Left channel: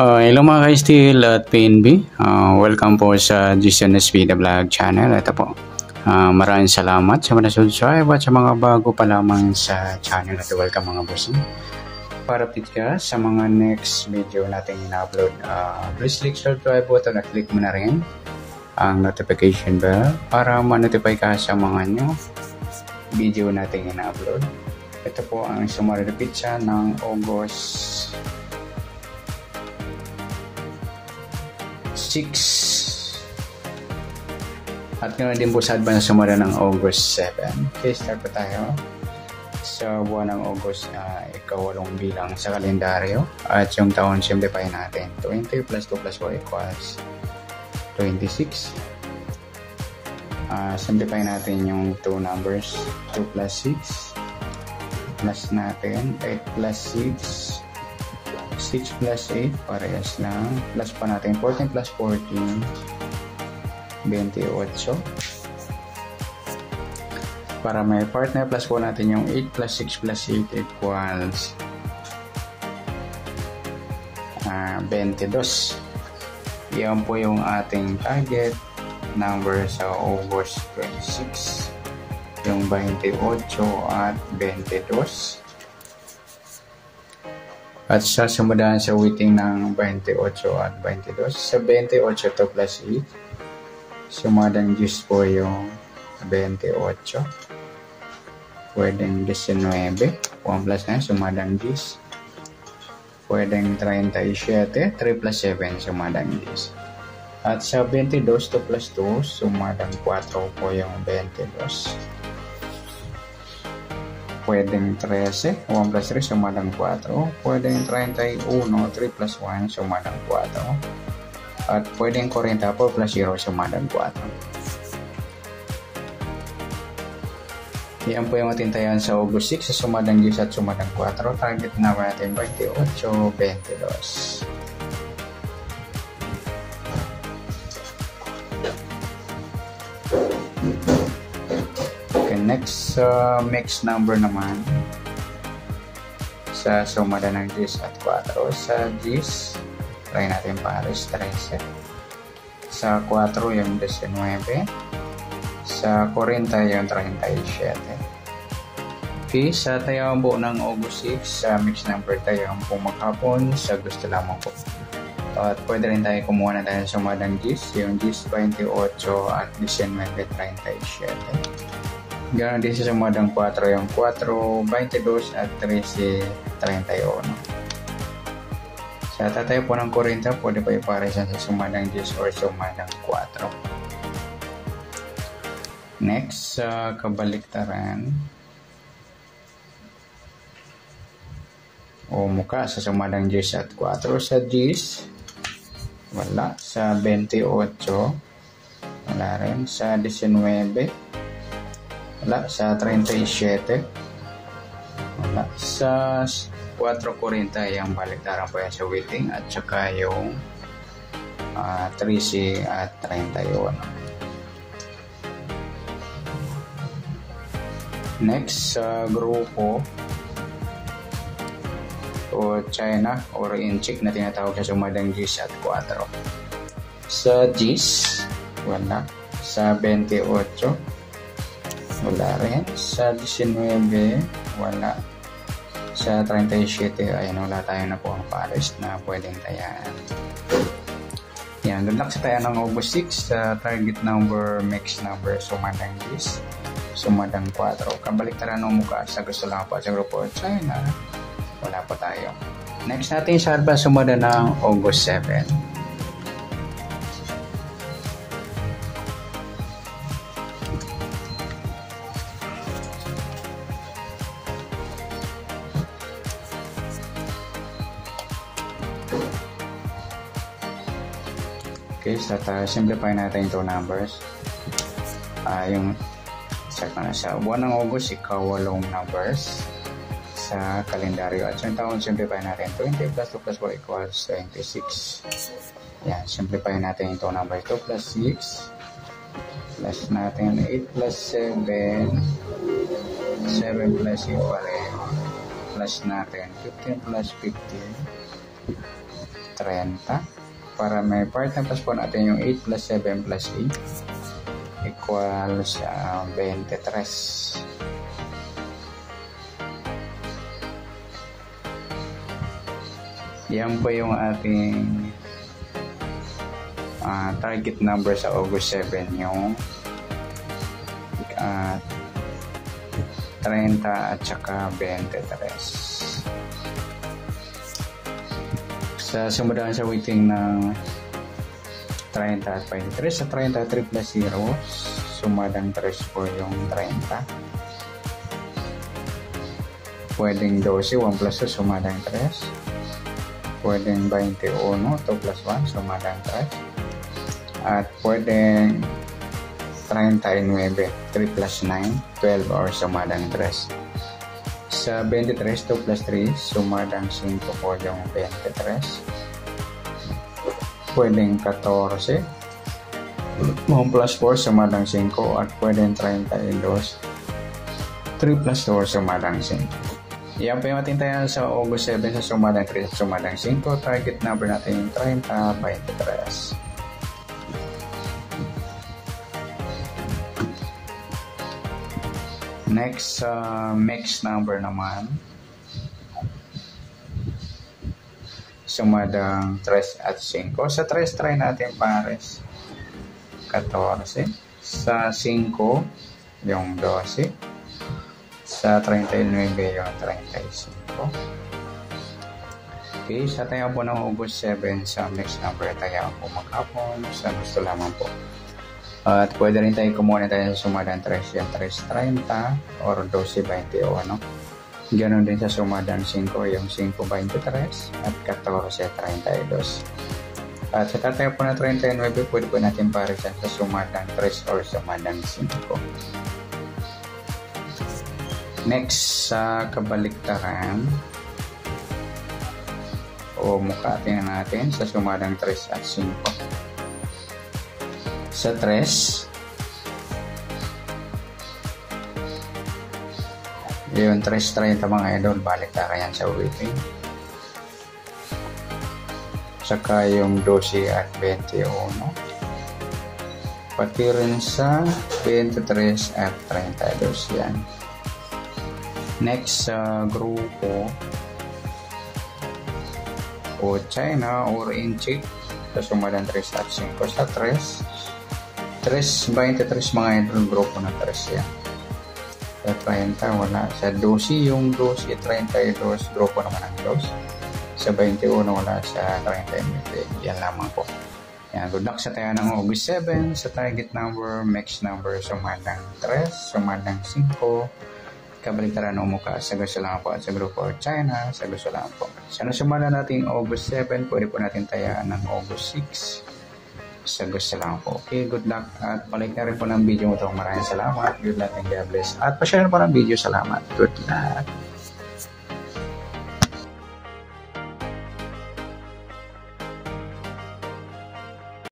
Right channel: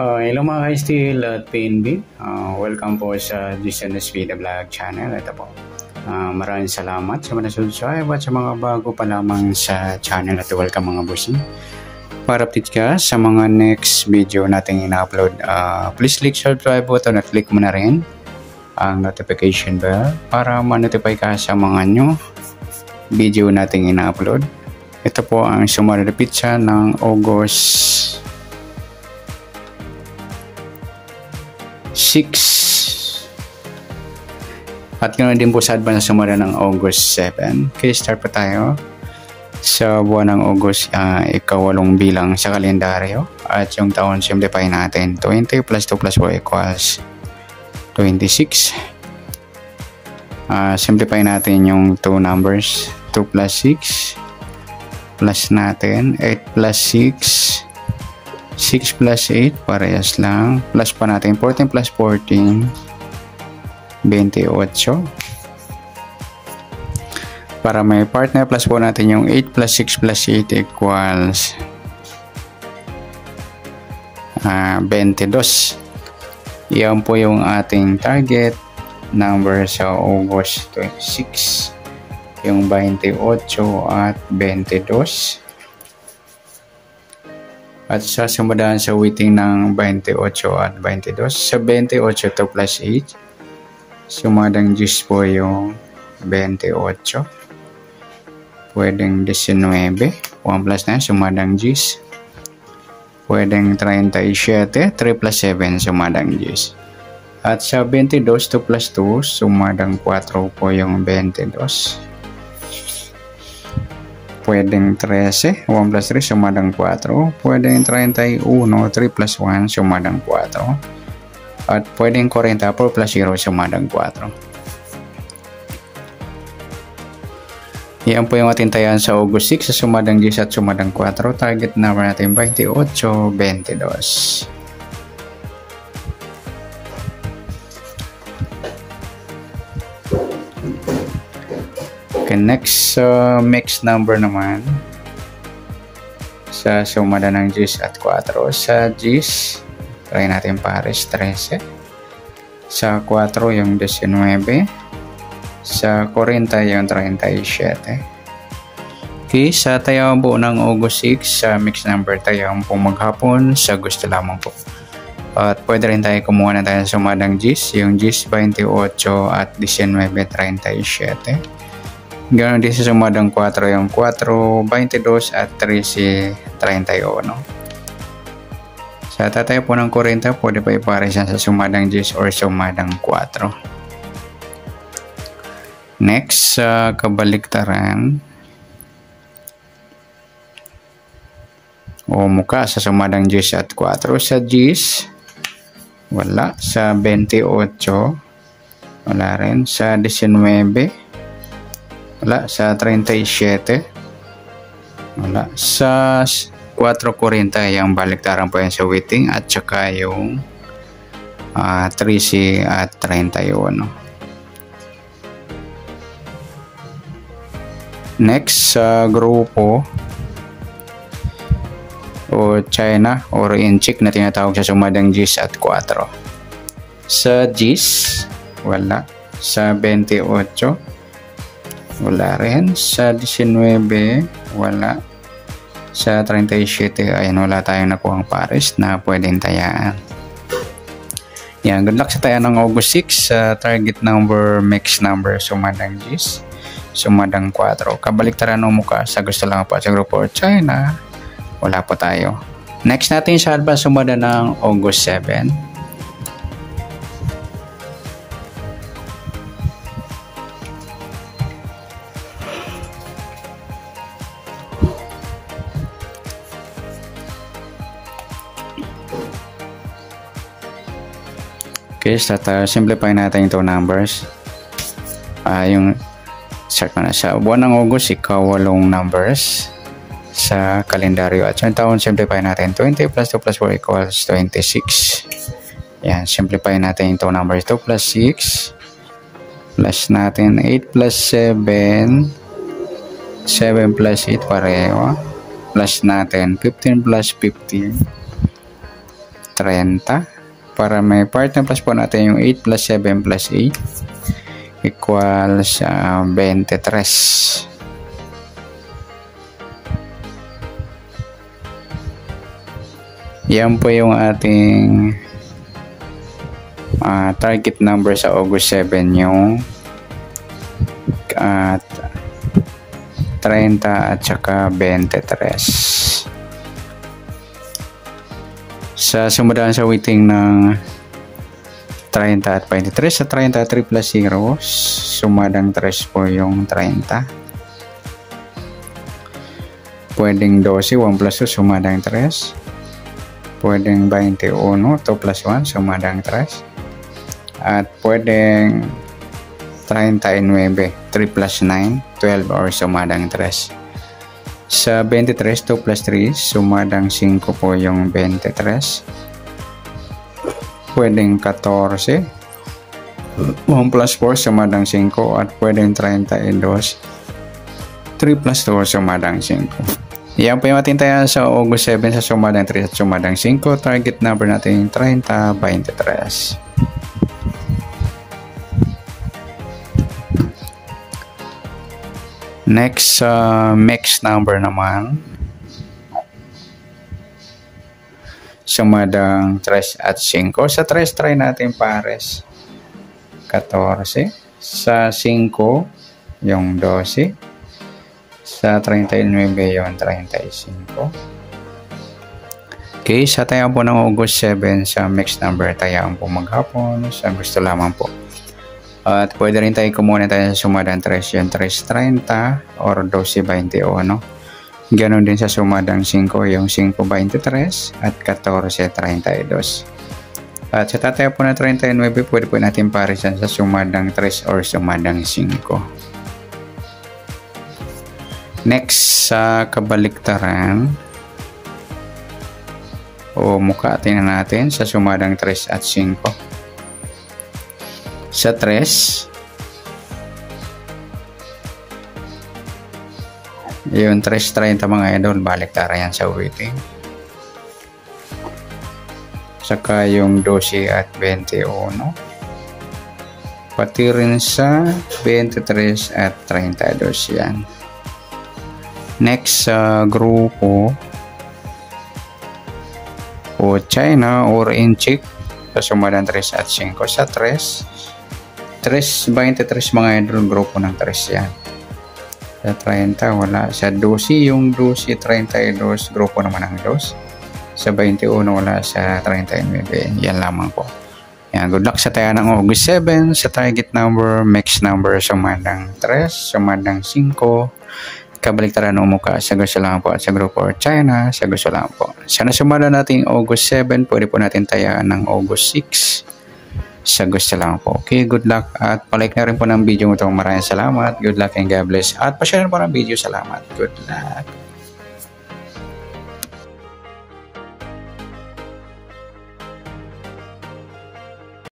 Hello mga ka-Steel at PNB. Welcome po sa GCNS Vida Vlog channel. Ito po. Maraming salamat sa mga subscribe at sa mga bago pa lamang sa channel at welcome mga bossing. Para update ka sa mga next video natin ina-upload, please click subscribe button at click mo na rin ang notification bell para ma-notify ka sa mga new video natin ina-upload. Ito po ang summary pizza ng August 6 at ganoon din po sa advance sumara ng August 7. Okay, start pa tayo sa buwan ng August, ikawalong bilang sa kalendaryo at yung taon simplify natin. 20 plus 2 plus 4 equals 26. Simplify natin yung 2 numbers, 2 plus 6 plus natin 8 plus 6, 6 plus 8, parehas lang. Plus pa natin 14 plus 14, 28. Para may partner, plus po natin yung 8 plus 6 plus 8 equals 22. Yan po yung ating target number sa August 26. Yung 28 at 22. At sasumadahan sa weighting ng 28 at 22. Sa 28, 2 plus 8. Sumadang 10 po yung 28. Pwedeng 19. 1 plus 9, sumadang 10. Pwedeng 37. 3 plus 7, sumadang 10. At sa 22, 2 plus 2, sumadang 4 po yung 22. Pwedeng 13, 1 plus 3, sumadang 4. Pwedeng 31, 3 plus 1, sumadang 4. At pwedeng 40, 4 plus 0, sumadang 4. Yan po yung ating tayan sa August 6 sa sumadang 10 at sumadang 4. Target number natin 28, 22. Okay, next mix number naman sa sumada ng 10 at 4. Sa 10 try natin pares 13, sa 4 yung 19, sa 40 yung 37. Okay, sa tayong buo ng August 6 sa mix number tayong po maghapon sa gusto lamang po. At pwede rin tayo kumuha na tayo sa sumadang 10, yung 10, 28 at 19, 37. Ganoon din sa sumadang 4 yung 4, 22 at 13, 31. Sa tatay po ng 40, pwede pa ipares sa sumadang 10 or sumadang 4. Next, sa kabaliktaran o muka sa sumadang 10 at 4. Sa 10, wala. Sa 28, wala rin. Sa 19, wala. Sa 37, wala. Sa 4.40 yung baliktaran po yan sa weighting at saka yung 13 at 31. Next, sa grupo o China or inchik na tinatawag sa sumadang 10 at 4. Sa 10, wala. Sa 28, wala rin. Sa 19, wala. Sa 37, ayun, wala tayong nakuhang pares na pwedeng tayaan. Yan, good luck sa tayaan ng August 6 sa target number, mix number, sumadang 10, sumadang 4. Kabaliktaran ng mukha sa gusto lang po sa grupo China, wala po tayo. Next natin sa advance sumada ng August 7. Okay, simplify natin yung 2 numbers. Yung start na sa buwan ng August, ikawalong numbers sa kalendaryo. At yung taon, simplify natin. 20 plus 2 plus 4 equals 26. Yan, simplify natin yung 2 numbers. 2 plus 6 plus natin 8 plus 7, 7 plus 8 pareho. Plus natin 15 plus 15. 30. Para may part na plus po natin yung 8 plus 7 plus 8 equals 23. Yan po yung ating target number sa August 7, yung 30 at saka 23. Sa sumudahan sa weighting ng 30 at 23, sa 30 at 3 plus 0, sumadang 3 po yung 30. Pwedeng 12, 1 plus 2, sumadang 3. Pwedeng 21, 2 plus 1, sumadang 3. At pwedeng 39, 3 plus 9, 12 or sumadang 3. Sa 23, 2 plus 3, sumadang 5 po yung 23. Pwedeng 14, 1 plus 4, sumadang 5. At pwedeng 32, 3 plus 2, sumadang 5. Yan po yung ating taya sa August 7 sa sumadang 3 at sumadang 5. Target number natin 30, 23. Next, mixed number naman. Sumadang 3 at 5. Sa 3, try natin pares. 14. Sa 5, yung 12. Sa 39 yung 35. Okay, sa tayaan po ng August 7 sa mixed number, tayaan po maghapon sa gusto lamang po. At pwede rin tayo kumuha tayo sa sumadang 3, yung 3.30 or 12.21. Ganon din sa sumadang 5, yung 5.23 at 14.32. At sa tataya po na 39, pwede po natin parisan sa sumadang 3 or sumadang 5. Next, sa kabaliktaran o mukha, tingnan natin sa sumadang 3 at 5. Sa 3, yung 3.30 mga idol, baliktaran yan sa weighting. Saka yung 12 at 21. Pati rin sa 23 at 32 yan. Next, sa grupo o China or Inchik sa sumadang 3 at 5. Sa 3.23 mga idol, grupo ng 3 yan. Sa 30 wala. Sa 12 yung 12.32, grupo naman ng 2. Sa 21 wala. Sa 39 yan lamang po. Yan, good luck sa tayo ng August 7 sa target number, mixed number, sumadang 3, sumadang 5. Kabaliktaran ng mukha sa gusto lang po at sa grupo or China sa gusto lang po. Sana sumada natin August 7, pwede po natin tayaan ng August 6 sa gusto lang po. Okay, good luck at palike na rin po ng video mo ito. Maraming salamat. Good luck and God bless. At pa-share po ng video. Salamat. Good luck.